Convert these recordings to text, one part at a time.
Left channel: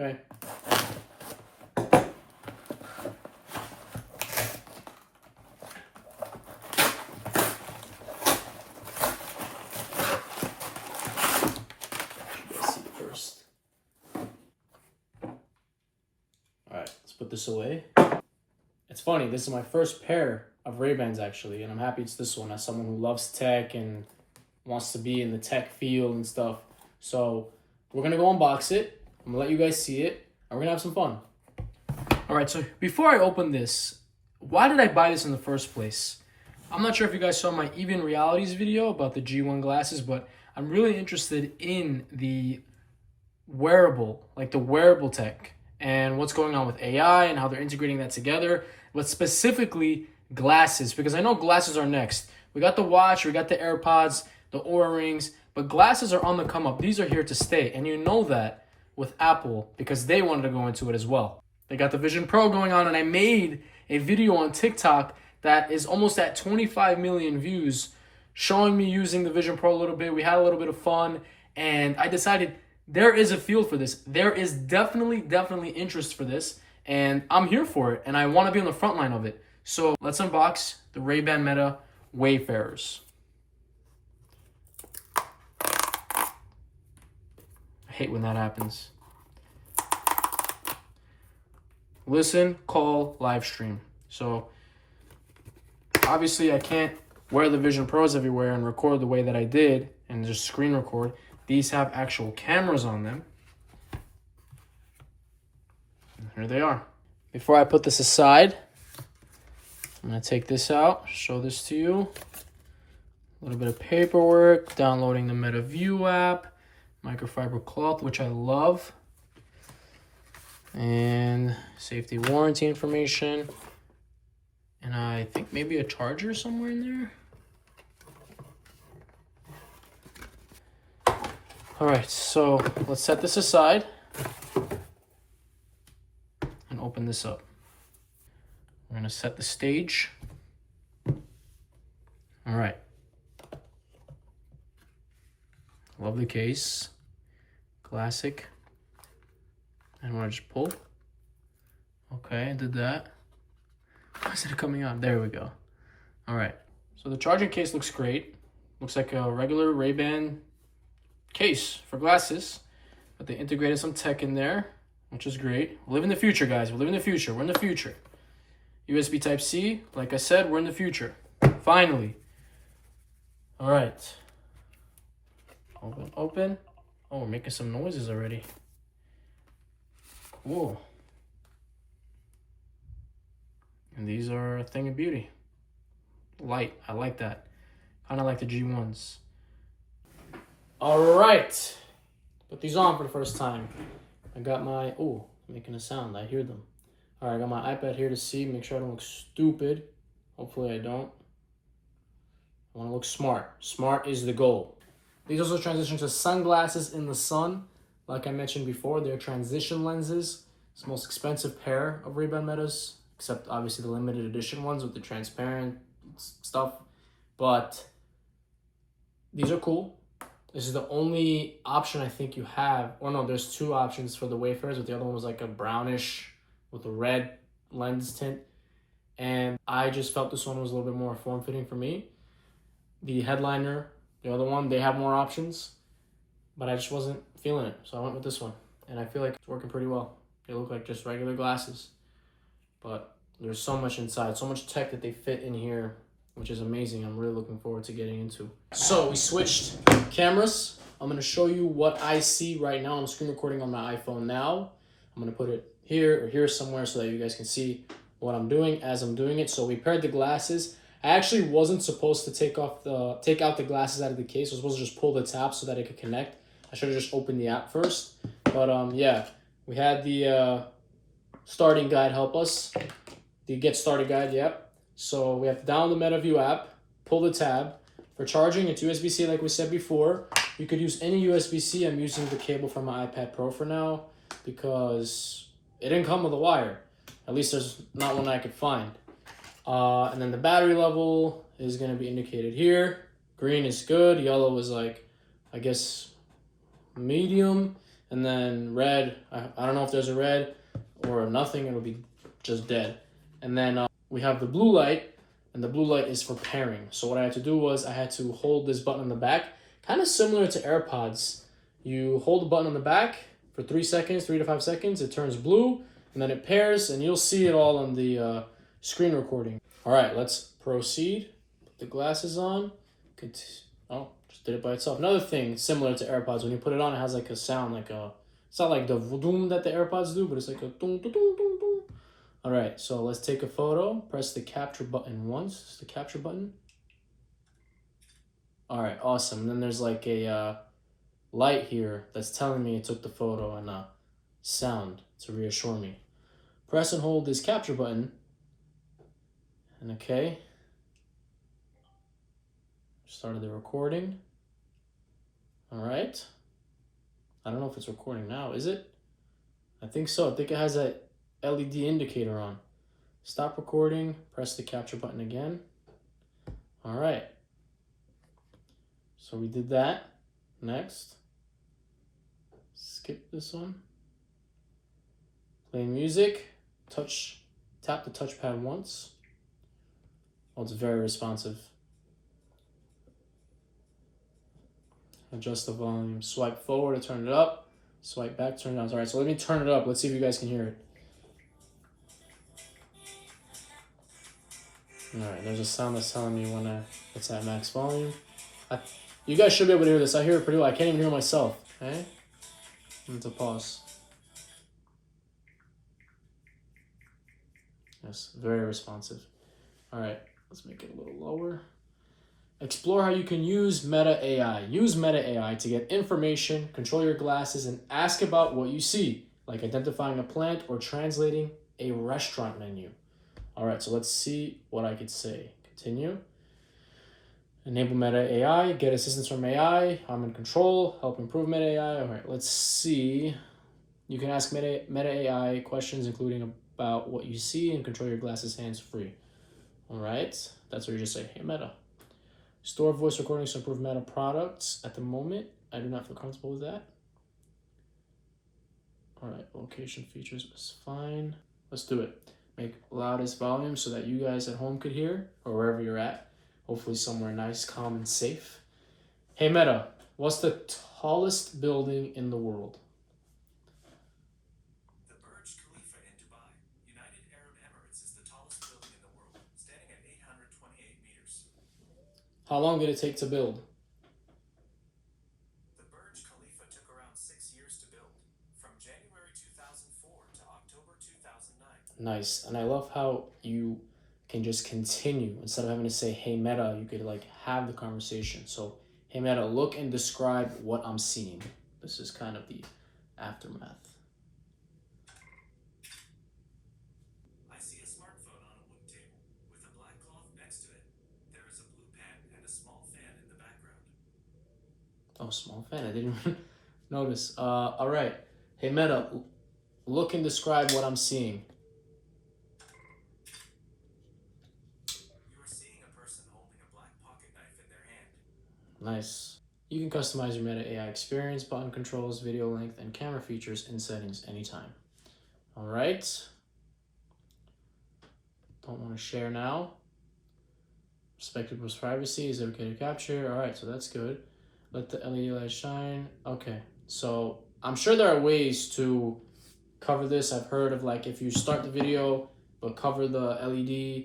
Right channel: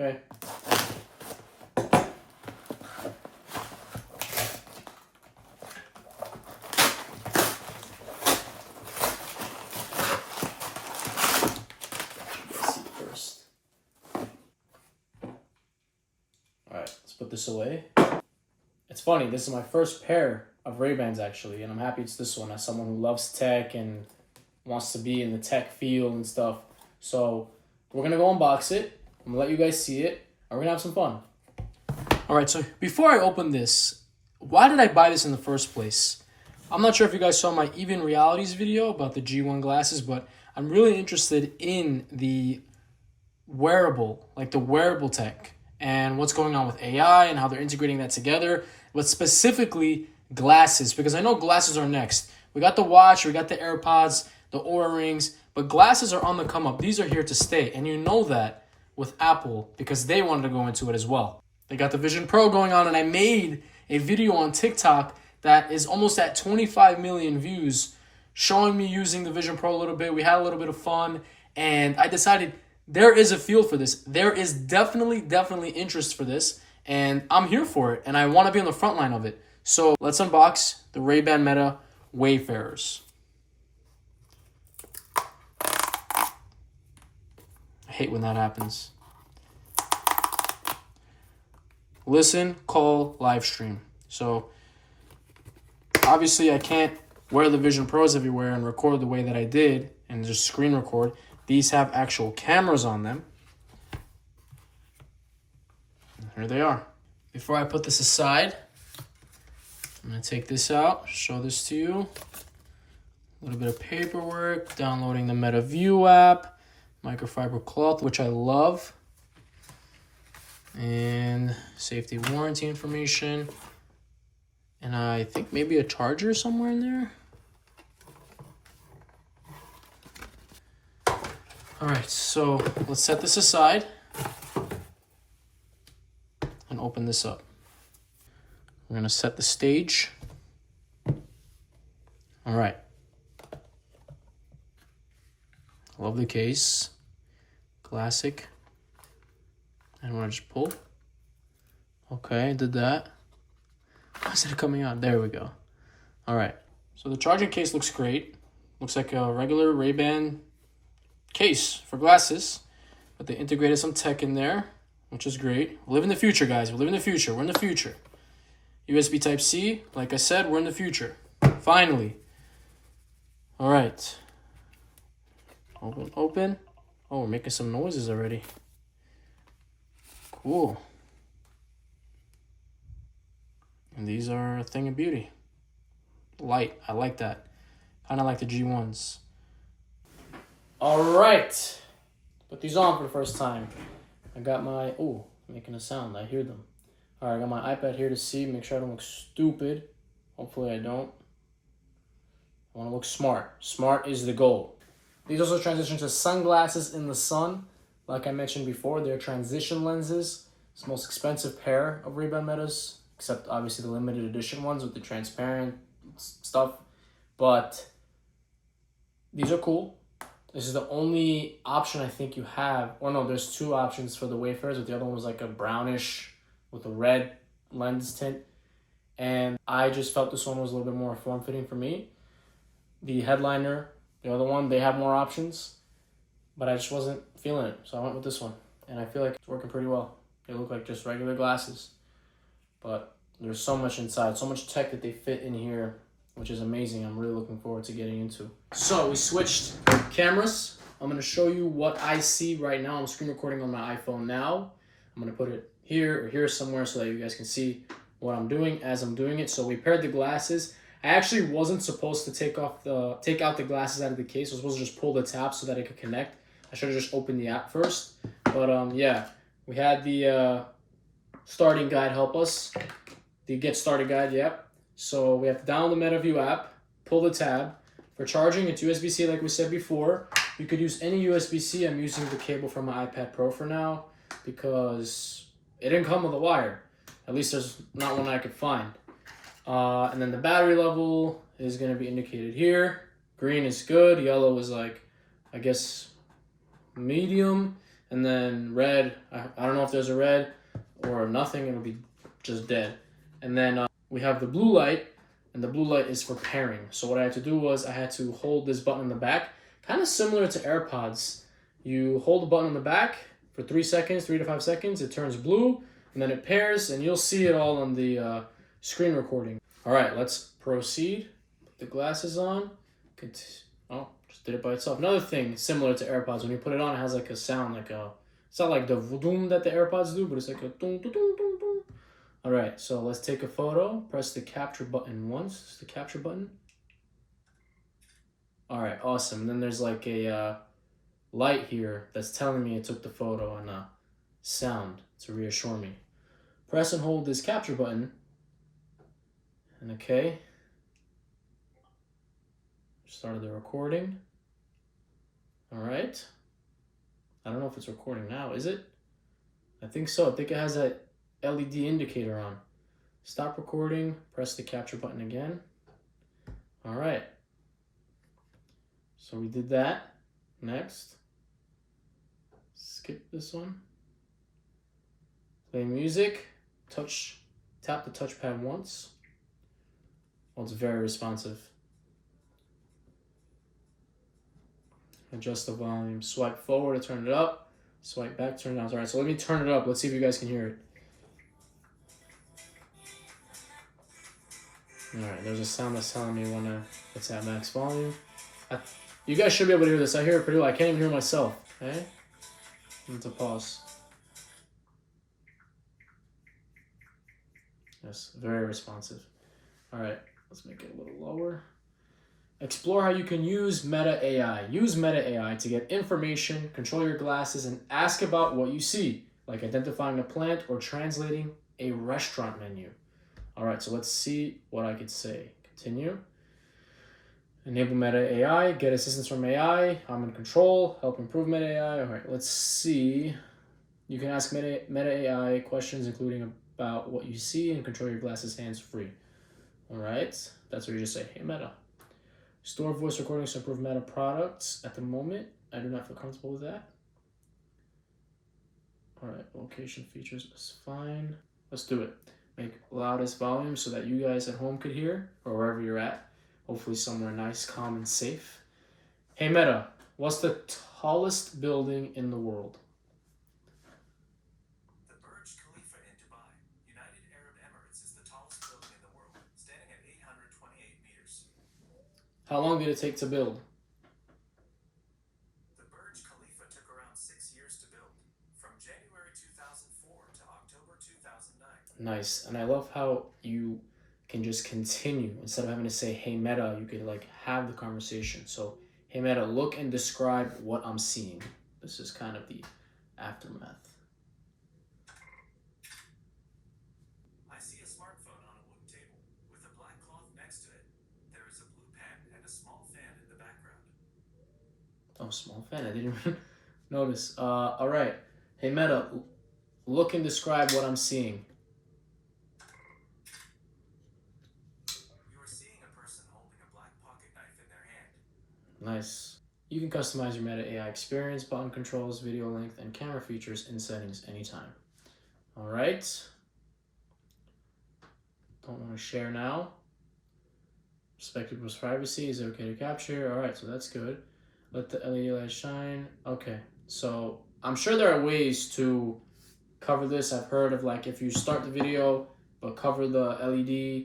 Okay. Alright, let's put this away. It's funny, this is my first pair of Ray-Bans actually, and I'm happy it's this one as someone who loves tech and wants to be in the tech field and stuff. So we're gonna go unbox it. I'm gonna let you guys see it, and we're gonna have some fun. Alright, so before I open this, why did I buy this in the first place? I'm not sure if you guys saw my Even Realities video about the G1 glasses, but I'm really interested in the wearable, like the wearable tech, and what's going on with AI and how they're integrating that together, but specifically glasses, because I know glasses are next. We got the watch, we got the AirPods, the Oura Rings, but glasses are on the come up. These are here to stay, and you know that with Apple because they wanted to go into it as well. They got the Vision Pro going on, and I made a video on TikTok that is almost at 25 million views showing me using the Vision Pro a little bit. We had a little bit of fun, and I decided there is a field for this. There is definitely interest for this, and I'm here for it, and I want to be on the front line of it. So let's unbox the Ray-Ban Meta Wayfarers. I hate when that happens. Listen, call, live stream. So obviously I can't wear the Vision Pros everywhere and record the way that I did and just screen record. These have actual cameras on them. And here they are. Before I put this aside, I'm going to take this out, show this to you. A little bit of paperwork, downloading the Meta View app, microfiber cloth, which I love, and safety warranty information, and I think maybe a charger somewhere in there. All right, so let's set this aside and open this up. I'm gonna set the stage. All right. Love the case. Classic. And want to just pull. Okay, did that. Why is it coming out? There we go. All right. So the charging case looks great. Looks like a regular Ray-Ban case for glasses, but they integrated some tech in there, which is great. We live in the future, guys. We live in the future. We're in the future. USB Type-C, like I said, we're in the future. Finally. All right. Open. Oh, we're making some noises already. Cool. And these are a thing of beauty. Light. I like that. Kind of like the G1s. All right. Put these on for the first time. I got my... Oh, making a sound. I hear them. All right, I got my iPad here to see. Make sure I don't look stupid. Hopefully I don't. I want to look smart. Smart is the goal. These also transition to sunglasses in the sun. Like I mentioned before, they're transition lenses. It's the most expensive pair of Ray-Ban Metas, except obviously the limited edition ones with the transparent stuff. But these are cool. This is the only option I think you have. Or no, there's two options for the Wayfarers, but the other one was like a brownish with a red lens tint. And I just felt this one was a little bit more form-fitting for me. The headliner, the other one, they have more options, but I just wasn't feeling it. So I went with this one, and I feel like it's working pretty well. They look like just regular glasses, but there's so much inside, so much tech that they fit in here, which is amazing. I'm really looking forward to getting into. So we switched cameras. I'm gonna show you what I see right now. I'm screen recording on my iPhone now. I'm gonna put it here or here somewhere so that you guys can see what I'm doing as I'm doing it. So we paired the glasses. I actually wasn't supposed to take out the glasses out of the case. I was supposed to just pull the tab so that it could connect. I should have just opened the app first. But yeah, we had the starting guide help us. The get started guide, yep. So we have to download the Meta View app, pull the tab. For charging, it's USB-C like we said before. You could use any USB-C. I'm using the cable from my iPad Pro for now because it didn't come with a wire. At least there's not one I could find. And then the battery level is going to be indicated here. Green is good. Yellow is like, I guess, medium. And then red, I don't know if there's a red or nothing, it'll be just dead. And then we have the blue light, and the blue light is for pairing. So what I had to do was I had to hold this button on the back, kind of similar to AirPods. You hold the button on the back for 3 seconds, 3 to 5 seconds, it turns blue, and then it pairs, and you'll see it all on the screen recording. All right, let's proceed. Put the glasses on. Oh, just did it by itself. Another thing similar to AirPods, when you put it on, it has like a sound, like a, it's not like the voodoo that the AirPods do, but it's like a dum, dum, dum, dum, dum. All right, so let's take a photo. Press the capture button once. The capture button. All right, awesome. And then there's like a light here that's telling me it took the photo, and sound to reassure me. Press and hold this capture button. And okay. Started the recording. All right. I don't know if it's recording now, is it? I think so. I think it has that LED indicator on. Stop recording, press the capture button again. All right. So we did that. Next. Skip this one. Play music. Tap the touchpad once. Oh, it's very responsive. Adjust the volume. Swipe forward to turn it up. Swipe back, turn it down. All right, so let me turn it up. Let's see if you guys can hear it. All right, there's a sound that's telling me when it's at max volume. You guys should be able to hear this. I hear it pretty well. I can't even hear myself. Okay? I'm going to pause. Yes, very responsive. All right, let's make it a little lower. Explore how you can use Meta AI. Use Meta AI to get information, control your glasses, and ask about what you see, like identifying a plant or translating a restaurant menu. All right, so let's see what I could say. Continue. Enable Meta AI, get assistance from AI, I'm in control, help improve Meta AI. All right, let's see. You can ask Meta AI questions, including about what you see, and control your glasses hands-free. All right, that's where you just say, hey, Meta. Store voice recordings to improve Meta products. At the moment, I do not feel comfortable with that. All right, location features is fine. Let's do it. Make loudest volume so that you guys at home could hear, or wherever you're at. Hopefully somewhere nice, calm, and safe. Hey Meta, what's the tallest building in the world? The Burj Khalifa in Dubai, United Arab Emirates, is the tallest building in the world, standing at 828 meters. How long did it take to build? The Burj Khalifa took around 6 years to build, from January 2004 to October 2009. Nice. And I love how you can just continue. Instead of having to say, hey Meta, you could like have the conversation. So, hey Meta, look and describe what I'm seeing. This is kind of the aftermath. I see a smartphone on a wood table, with a black cloth next to it. There is a blue pen and a small fan in the background. Oh, small fan. I didn't even notice. All right. Hey Meta, look and describe what I'm seeing. You are seeing a person holding a black pocket knife in their hand. Nice. You can customize your Meta AI experience, button controls, video length, and camera features in settings anytime. All right. Don't want to share now. Respect people's privacy. Is it okay to capture? All right, so that's good. Let the LED light shine. Okay, so I'm sure there are ways to cover this. I've heard of like if you start the video but cover the LED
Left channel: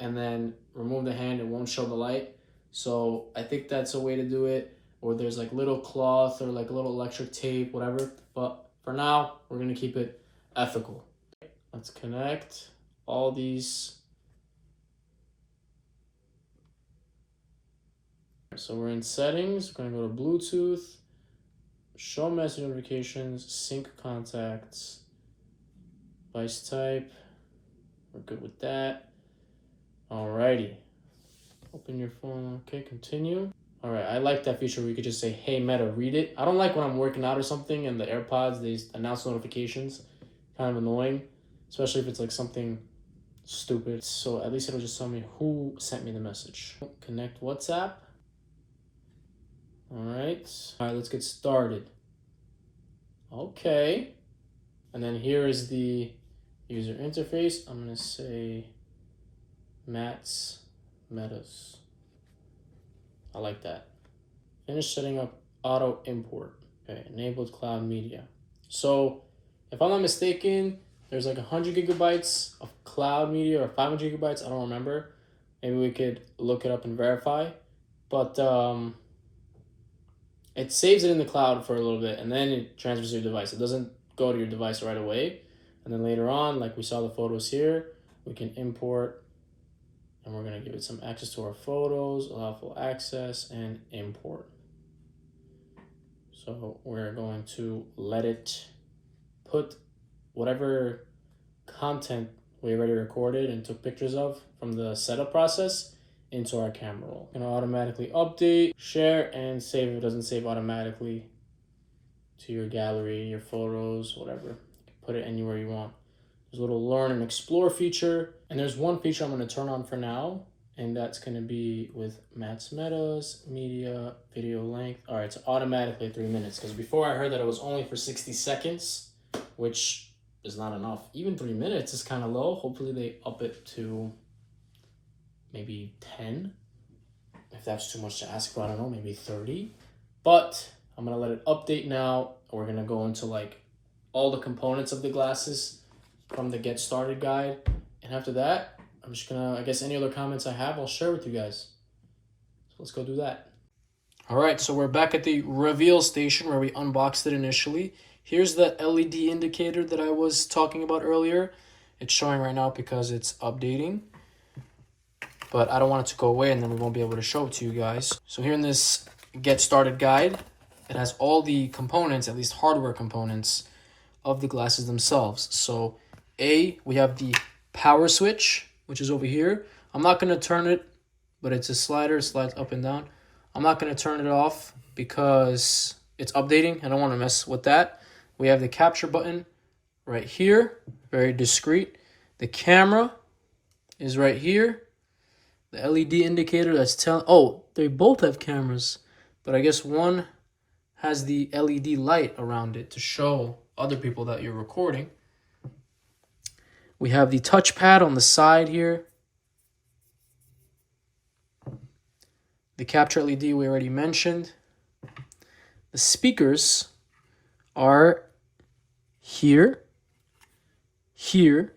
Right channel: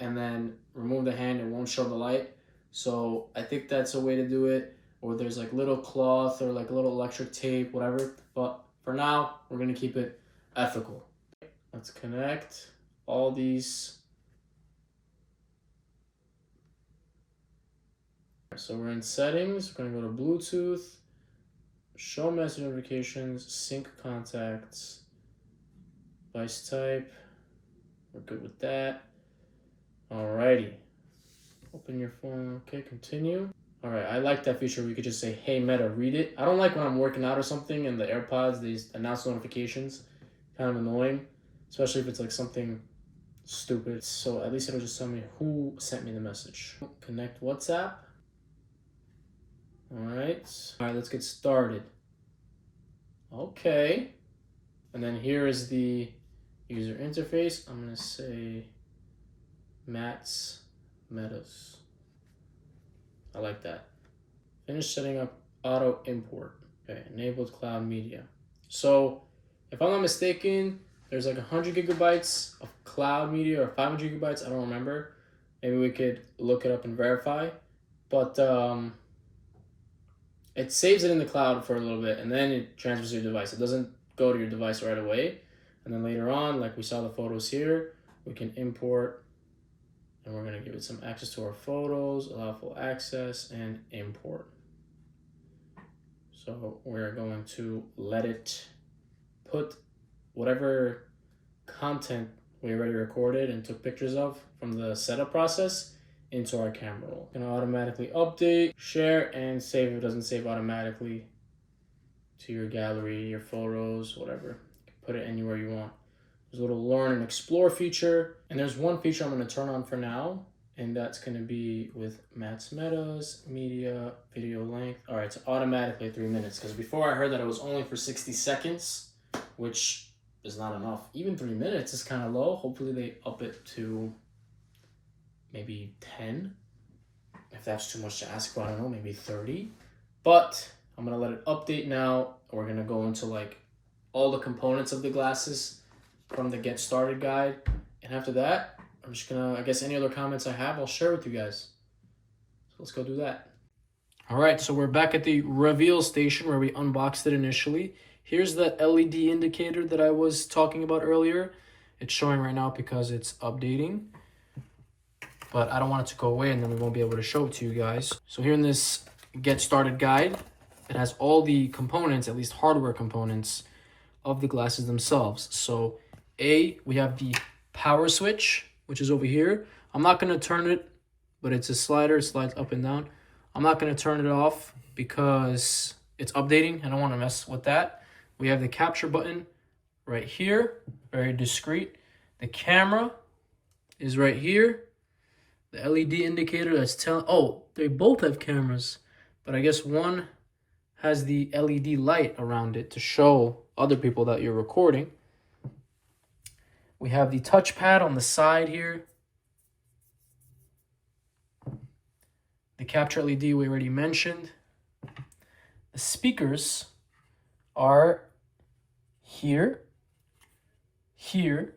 and then remove the hand, it won't show the light. So I think that's a way to do it. Or there's like little cloth or like a little electric tape, whatever. But for now, we're gonna keep it ethical. Let's connect all these. So we're in settings, we're gonna go to Bluetooth, show message notifications, sync contacts, device type, we're good with that. Alrighty, open your phone, okay, continue. All right, I like that feature where you could just say, hey Meta, read it. I don't like when I'm working out or something and the AirPods, they announce notifications, kind of annoying, especially if it's like something stupid. So at least it'll just tell me who sent me the message. Connect WhatsApp. All right, let's get started. Okay. And then here is the user interface. I'm gonna say Matt's Metas. I like that. Finish setting up auto import. Okay, enabled cloud media. So if I'm not mistaken, there's like 100 gigabytes of cloud media or 500 gigabytes. I don't remember. Maybe we could look it up and verify. But it saves it in the cloud for a little bit and then it transfers to your device. It doesn't go to your device right away. And then later on, like we saw the photos here, we can import and we're going to give it some access to our photos, allow full access and import. So we're going to let it put whatever content we already recorded and took pictures of from the setup process into our camera roll. Gonna automatically update, share, and save if it doesn't save automatically to your gallery, your photos, whatever. You can put it anywhere you want. There's a little learn and explore feature. And there's one feature I'm gonna turn on for now, and that's gonna be with Matt's Metas, media, video length. All right, it's automatically 3 minutes, because before I heard that it was only for 60 seconds, which is not enough. Even 3 minutes is kind of low. Hopefully they up it to maybe 10. If that's too much to ask for, I don't know, maybe 30. But I'm gonna let it update now. We're gonna go into like all the components of the glasses from the get started guide. And after that, I'm just gonna, I guess any other comments I have, I'll share with you guys. So let's go do that. All right, so we're back at the reveal station where we unboxed it initially. Here's the LED indicator that I was talking about earlier. It's showing right now because it's updating, but I don't want it to go away and then we won't be able to show it to you guys. So here in this get started guide, it has all the components, at least hardware components, of the glasses themselves. So we have the power switch, which is over here. I'm not gonna turn it, but it's a slider, it slides up and down. I'm not gonna turn it off because it's updating. I don't wanna mess with that. We have the capture button right here, very discreet. The camera is right here. The LED indicator that's telling, oh, they both have cameras, but I guess one has the LED light around it to show other people that you're recording. We have the touchpad on the side here. The capture LED we already mentioned. The speakers are here, here,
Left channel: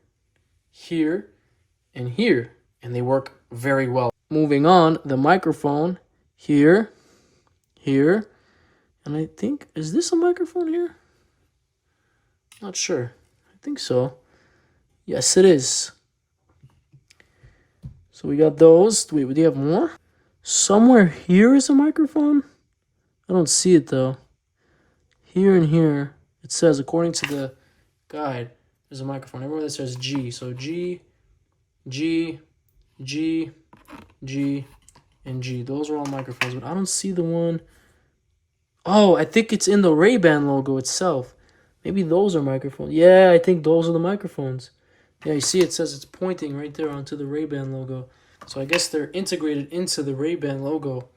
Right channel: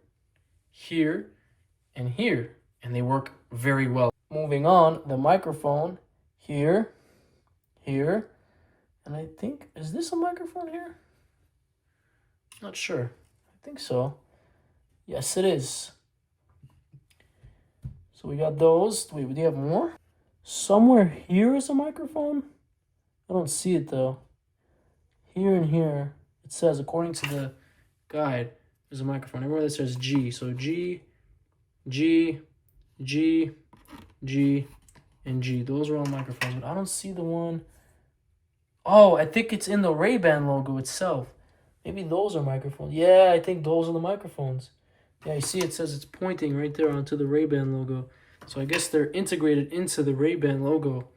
here, and here, and they work very well. Moving on, the microphone here, here, and I think, is this a microphone here? Not sure. I think so. Yes, it is. So we got those. Wait, do you have more? Somewhere here is a microphone? I don't see it though. Here and here, it says, according to the guide, there's a microphone. Everywhere that says G. So G, G, G, G, and G. Those are all microphones, but I don't see the one. Oh, I think it's in the Ray-Ban logo itself. Maybe those are microphones. Yeah, I think those are the microphones. Yeah, you see it says it's pointing right there onto the Ray-Ban logo. So I guess they're integrated into the Ray-Ban logo.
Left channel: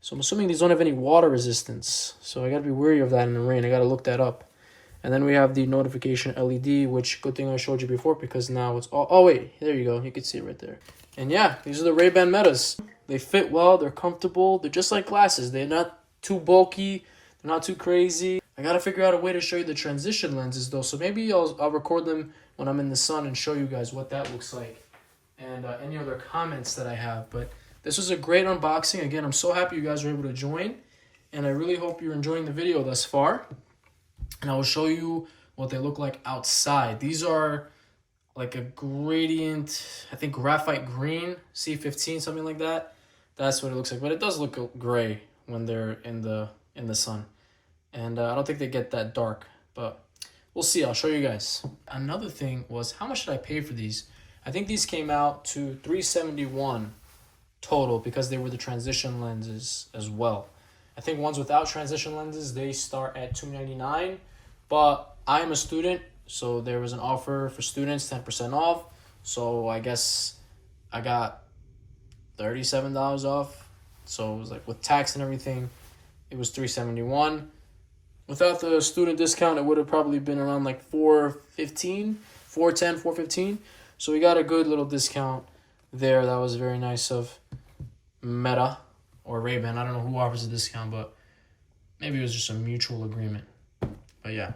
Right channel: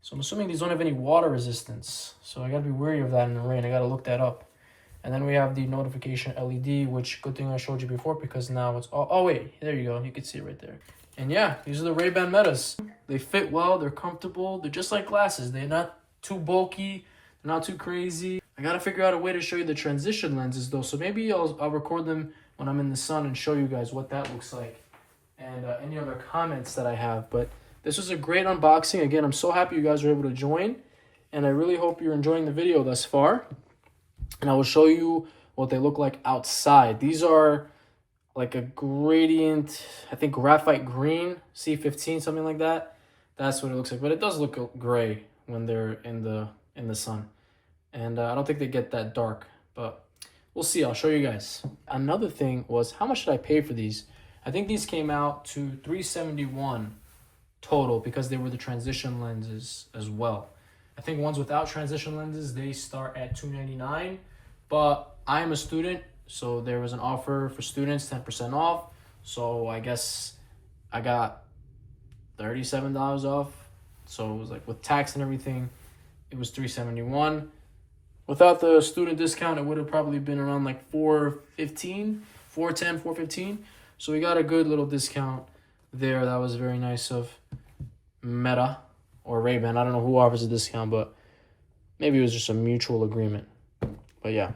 So I'm assuming these don't have any water resistance. So I gotta be wary of that in the rain. I gotta look that up. And then we have the notification LED, which good thing I showed you before because now it's all, oh wait, there you go. You can see it right there. And yeah, these are the Ray-Ban Metas. They fit well, they're comfortable. They're just like glasses. They're not too bulky. They're not too crazy. I gotta figure out a way to show you the transition lenses though. So maybe I'll record them when I'm in the sun and show you guys what that looks like. And any other comments that I have. But this was a great unboxing. Again, I'm so happy you guys were able to join. And I really hope you're enjoying the video thus far. And I will show you what they look like outside. These are like a gradient, I think graphite green, C15, something like that. That's what it looks like. But it does look gray when they're in the sun. And I don't think they get that dark. But we'll see. I'll show you guys. Another thing was, how much did I pay for these? I think these came out to $371 total because they were the transition lenses as well. I think ones without transition lenses, they start at $299. But I am a student, so there was an offer for students, 10% off. So I guess I got $37 off. So it was like with tax and everything, it was $371. Without the student discount, it would have probably been around like 415, 410, 415. So we got a good little discount there. That was very nice of Meta or Ray-Ban. I don't know who offers a discount, but maybe it was just a mutual agreement. But yeah,